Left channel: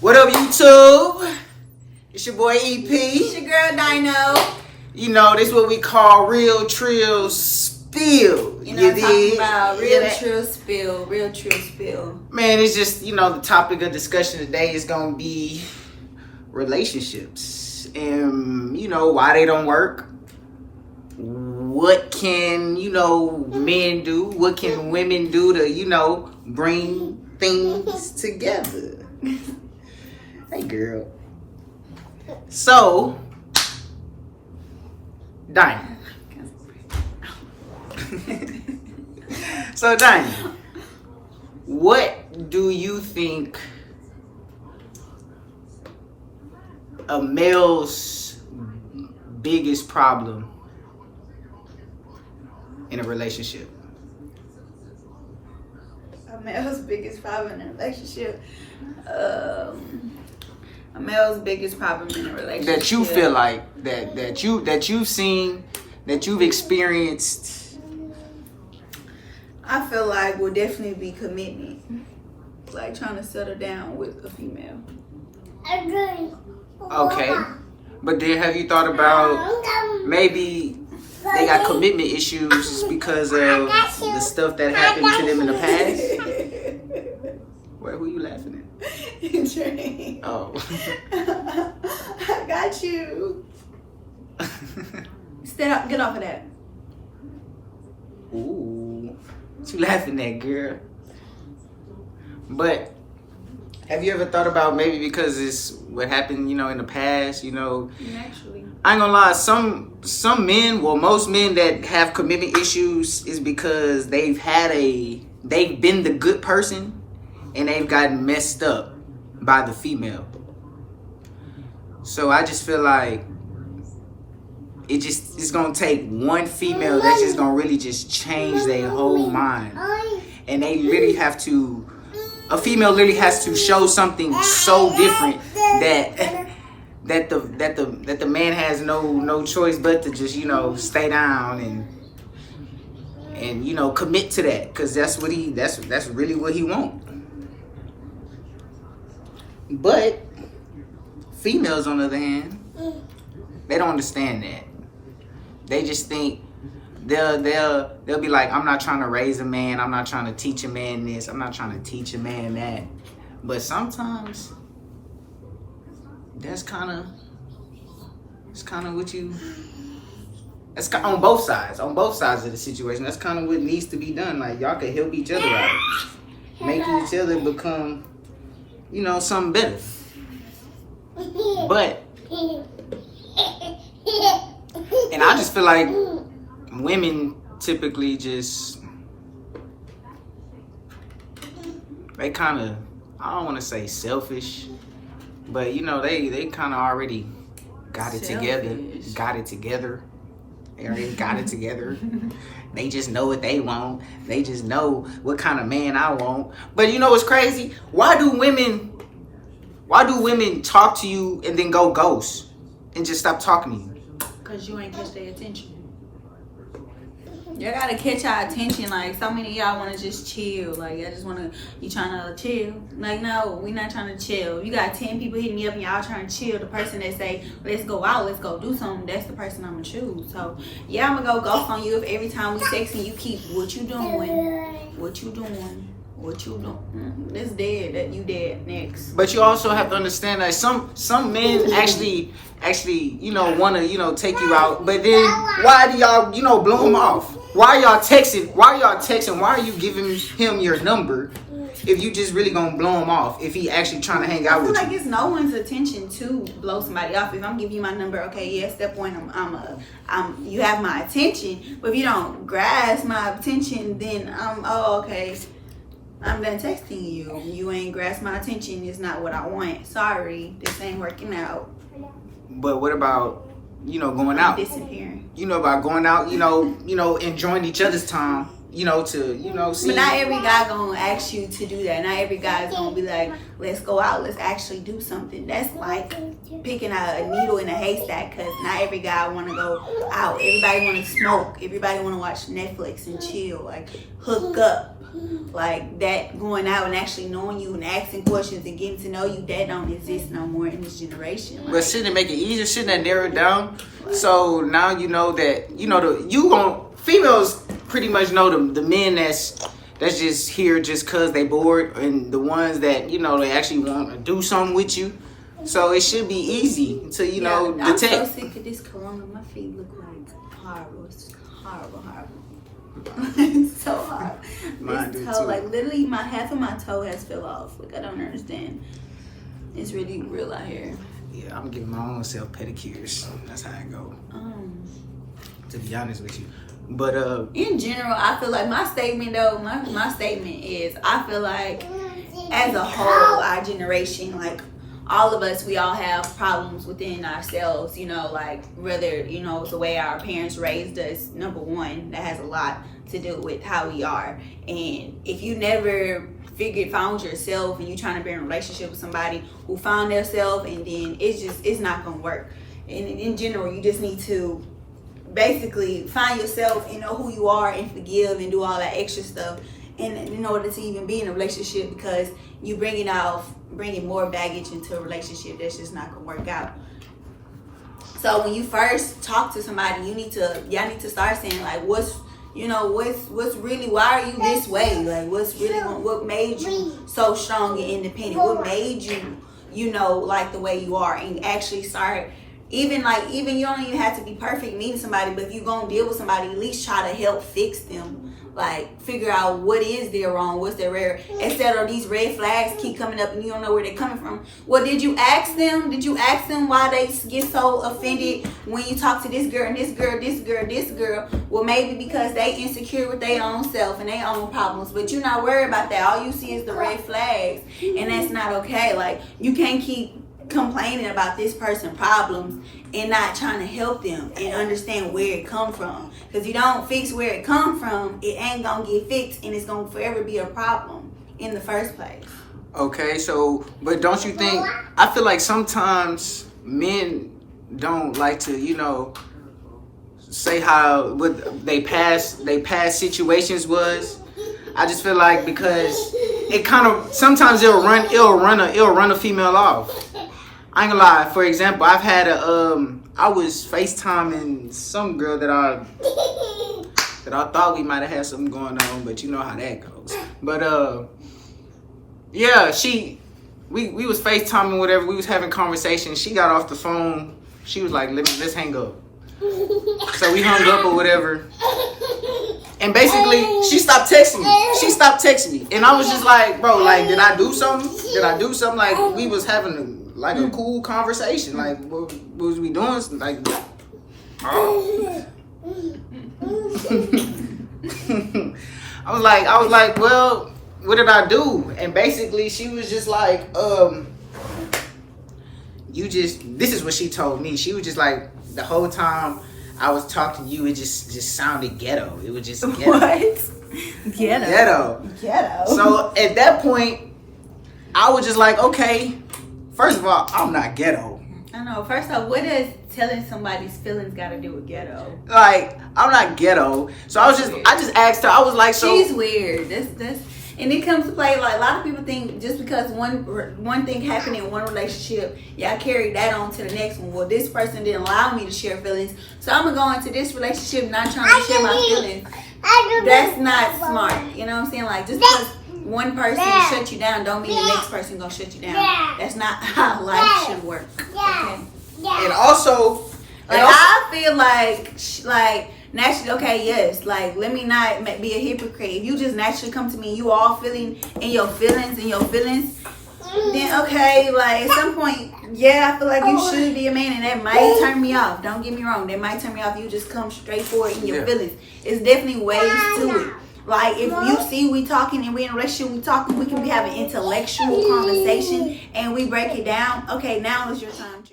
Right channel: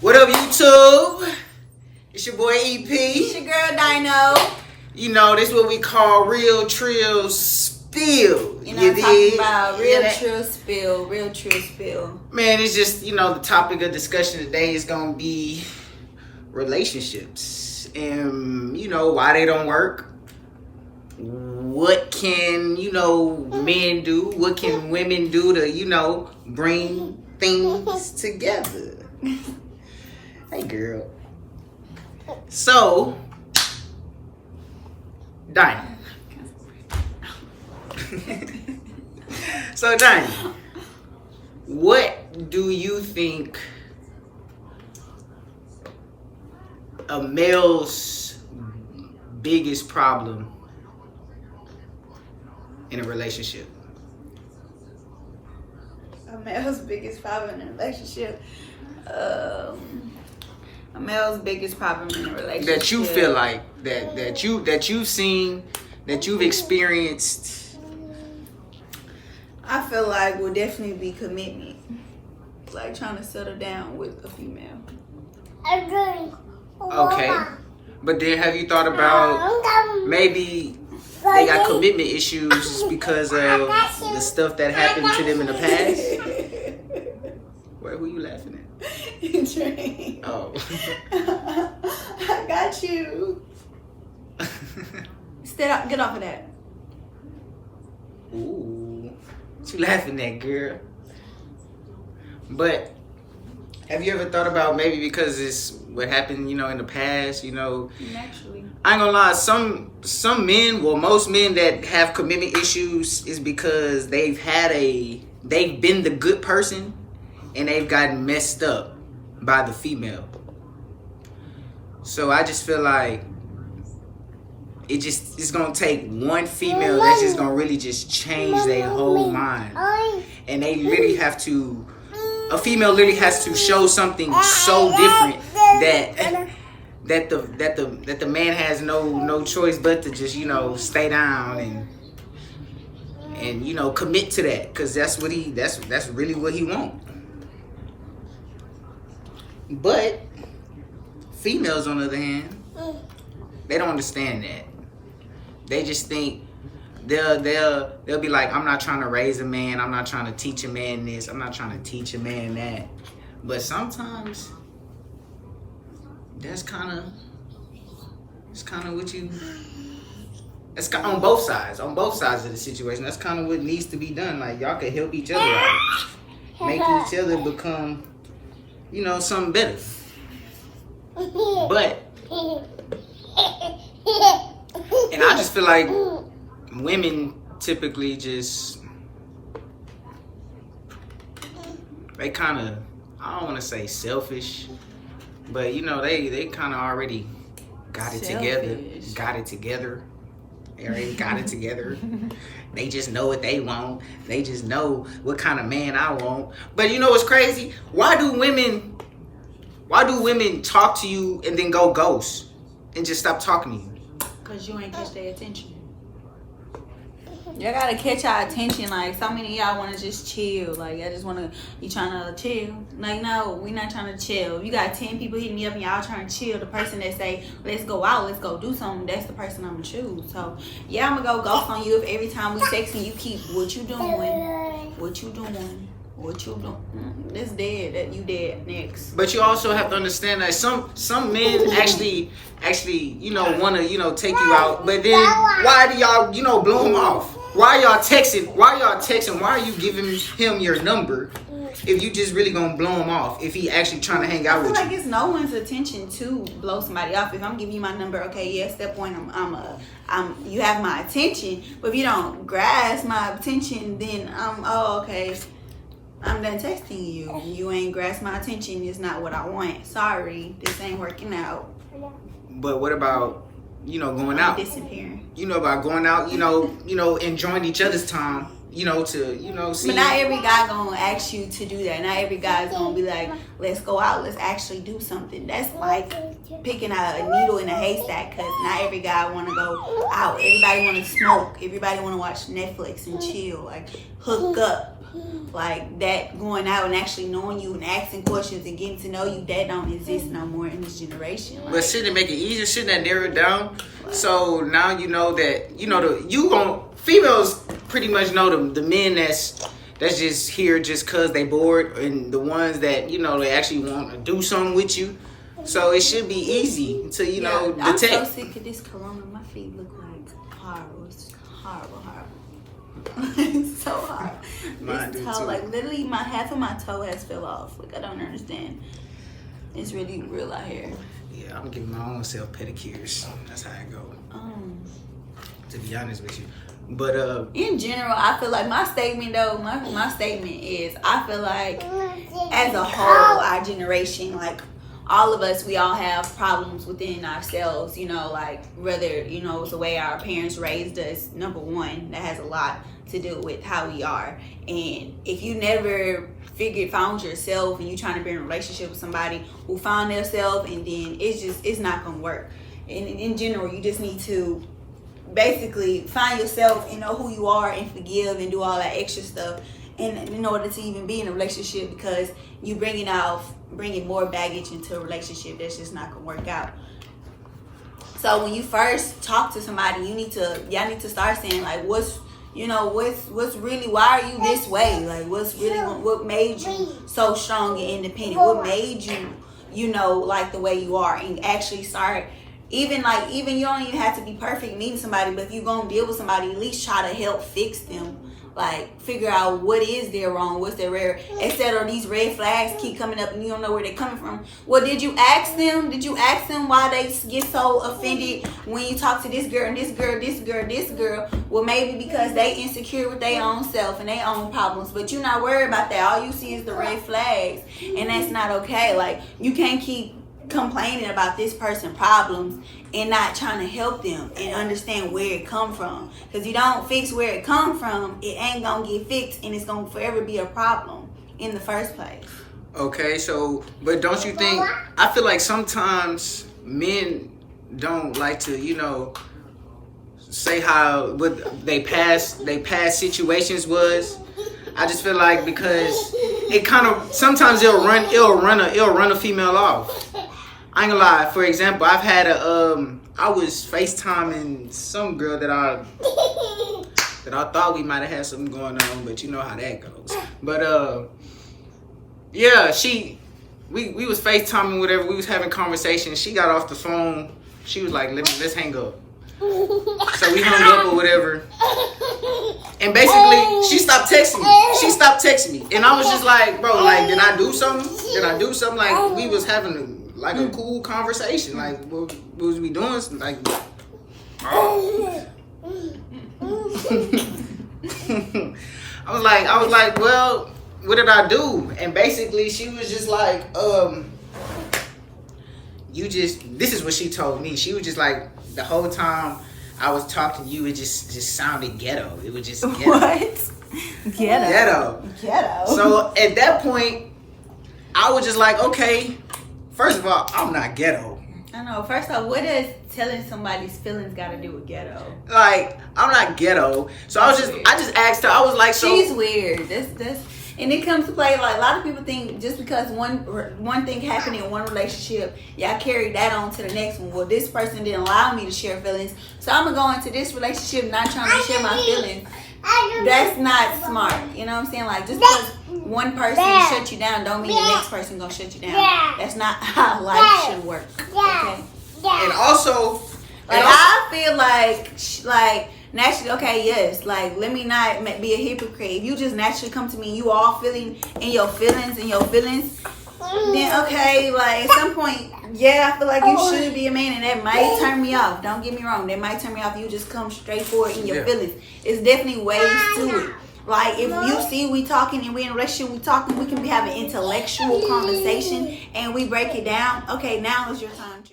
What up, YouTube? It's your boy EP. It's your girl Dynoo. You know, this what we call real trill spill. You know what I'm talking dig? about? Real trill spill. Real trill spill. Man, it's just, the topic of discussion today is going to be relationships. And, why they don't work. What can, men do? What can women do to, bring things together? Hey, girl. So, Dinah. So, Dinah, what do you think a male's biggest problem in a relationship? A male's biggest problem in a relationship. A male's biggest problem in a relationship. That you feel like that you've seen, that you've experienced. I feel like will definitely be commitment. Like trying to settle down with a female. Okay. But then have you thought about maybe they got commitment issues because of the stuff that happened to them in the past? Wait, who you laughing at? Drink. Oh. I got you. Stand up, get off of that. Ooh. What you laughing at, girl? But have you ever thought about maybe because it's what happened, in the past, Naturally. I ain't gonna lie, some men, well, most men that have commitment issues is because they've been the good person and they've gotten messed up by the female. So I just feel like it's gonna take one female that's just gonna really just change their whole mind. And they literally a female literally has to show something so different that the man has no choice but to just stay down and commit to that, because that's really what he wants. But females, on the other hand, they don't understand that. They just think they'll be like, I'm not trying to raise a man, I'm not trying to teach a man this, I'm not trying to teach a man that. But sometimes that's kind of what you. That's on both sides of the situation. That's kind of what needs to be done. Like, y'all can help each other out, make each other become, something better. But, and I just feel like women typically they kind of, I don't want to say selfish, but they kind of already got it together. They already got it together. They just know what they want. They just know what kind of man I want. But what's crazy? Why do women talk to you and then go ghost and just stop talking to you? Because you ain't catch their attention. Y'all gotta catch our attention. Like, so many of y'all want to just chill. Like, y'all just want to, you trying to chill. Like, no, we not trying to chill. If you got 10 people hitting me up and y'all trying to chill, the person that say, let's go out, let's go do something, that's the person I'm going to choose. So, yeah, I'm going to go ghost on you if every time we text me, you keep, what you doing? It's dead. That you dead next. But you also have to understand that some men actually want to take you out. But then why do y'all blow him off? Why y'all texting? Why are you giving him your number if you just really gonna blow him off if he actually trying to hang out with you? I feel like it's no one's attention to blow somebody off. If I'm giving you my number, okay, yeah, at that point you have my attention. But if you don't grasp my attention, then okay. I'm done texting you. You ain't grasp my attention. It's not what I want. Sorry, this ain't working out. But what about, going out? Disappearing. About going out, enjoying each other's time, to, see. But not every guy gonna ask you to do that. Not every guy is gonna be like, let's go out, let's actually do something. That's like picking out a needle in a haystack, because not every guy wanna go out. Everybody wanna smoke. Everybody wanna watch Netflix and chill, like hook up. Like that going out and actually knowing you and asking questions and getting to know you, that don't exist no more in this generation. Like, but shouldn't it make it easier? Shouldn't that narrow it down? So now you know that females pretty much know the men that's just here just cause they bored, and the ones that they actually want to do something with you. So it should be easy to I'm detect. so sick of this corona. My feet look like horrible. It's horrible. It's so hard. Mine This do toe, too. like literally, half of my toe has fell off. Like I don't understand. It's really real out here. Yeah, I'm giving my own self pedicures. That's how I go. To be honest with you, but In general, I feel like my statement is I feel like as a whole, our generation, like all of us, we all have problems within ourselves, like whether, it's the way our parents raised us, number one, that has a lot to do with how we are. And if you never found yourself and you're trying to be in a relationship with somebody who found themselves, and then it's not going to work. And in general, you just need to basically find yourself and know who you are and forgive and do all that extra stuff in order to even be in a relationship, because you bringing more baggage into a relationship that's just not gonna work out. So when you first talk to somebody, y'all need to start saying like what's really, why are you this way? Like what made you so strong and independent? What made you like the way you are? And actually start even you don't even have to be perfect meeting somebody, but if you're gonna deal with somebody, at least try to help fix them. Like figure out what is their wrong, what's their rare, instead of these red flags keep coming up and you don't know where they're coming from. Well, did you ask them why they get so offended when you talk to this girl and this girl? Well, maybe because they insecure with their own self and their own problems, but you're not worried about that. All you see is the red flags, and that's not okay. Like you can't keep complaining about this person's problems and not trying to help them and understand where it come from. Because you don't fix where it come from, it ain't gonna get fixed, and it's gonna forever be a problem in the first place. Okay, so but don't you think? I feel like sometimes men don't like to, say how what they past situations was. I just feel like because it kind of sometimes it'll run a female off. I ain't gonna lie. For example, I've had I was FaceTiming some girl that I thought we might have had something going on, but you know how that goes. But yeah, we was FaceTiming, whatever. We was having conversation. She got off the phone. She was like, let's hang up. So we hung up or whatever. And basically, she stopped texting me. And I was just like, bro, like, did I do something? Like, we was having a cool conversation. Like, what was we doing? Like, oh. I was like, well, what did I do? And basically, she was just like, this is what she told me. She was just like, the whole time I was talking to you, it just sounded ghetto. It was just ghetto. What? Ghetto. So at that point, I was just like, okay, first of all, I'm not ghetto. I know. First off, what does telling somebody's feelings got to do with ghetto? Like, I'm not ghetto. So I just asked her. I was like, so she's weird. That's and it comes to play, like, a lot of people think just because one thing happened in one relationship, I carried that on to the next one. Well, this person didn't allow me to share feelings, so I'm going to go into this relationship not trying to share my feelings. That's not smart. You know what I'm saying? Like, just because one person shut you down don't mean the next person going to shut you down. That's not how life should work. Okay? And also, I feel like naturally, okay, yes, like, let me not be a hypocrite. If you just naturally come to me, you all feeling in your feelings, then okay, like, at some point, I feel like you should be a man, and that might turn me off. Don't get me wrong, that might turn me off. You just come straight forward in your feelings. It's definitely ways to it. Like, if you see we talking and we in a relationship, we can be having intellectual conversation, and we break it down. Okay, now is your time.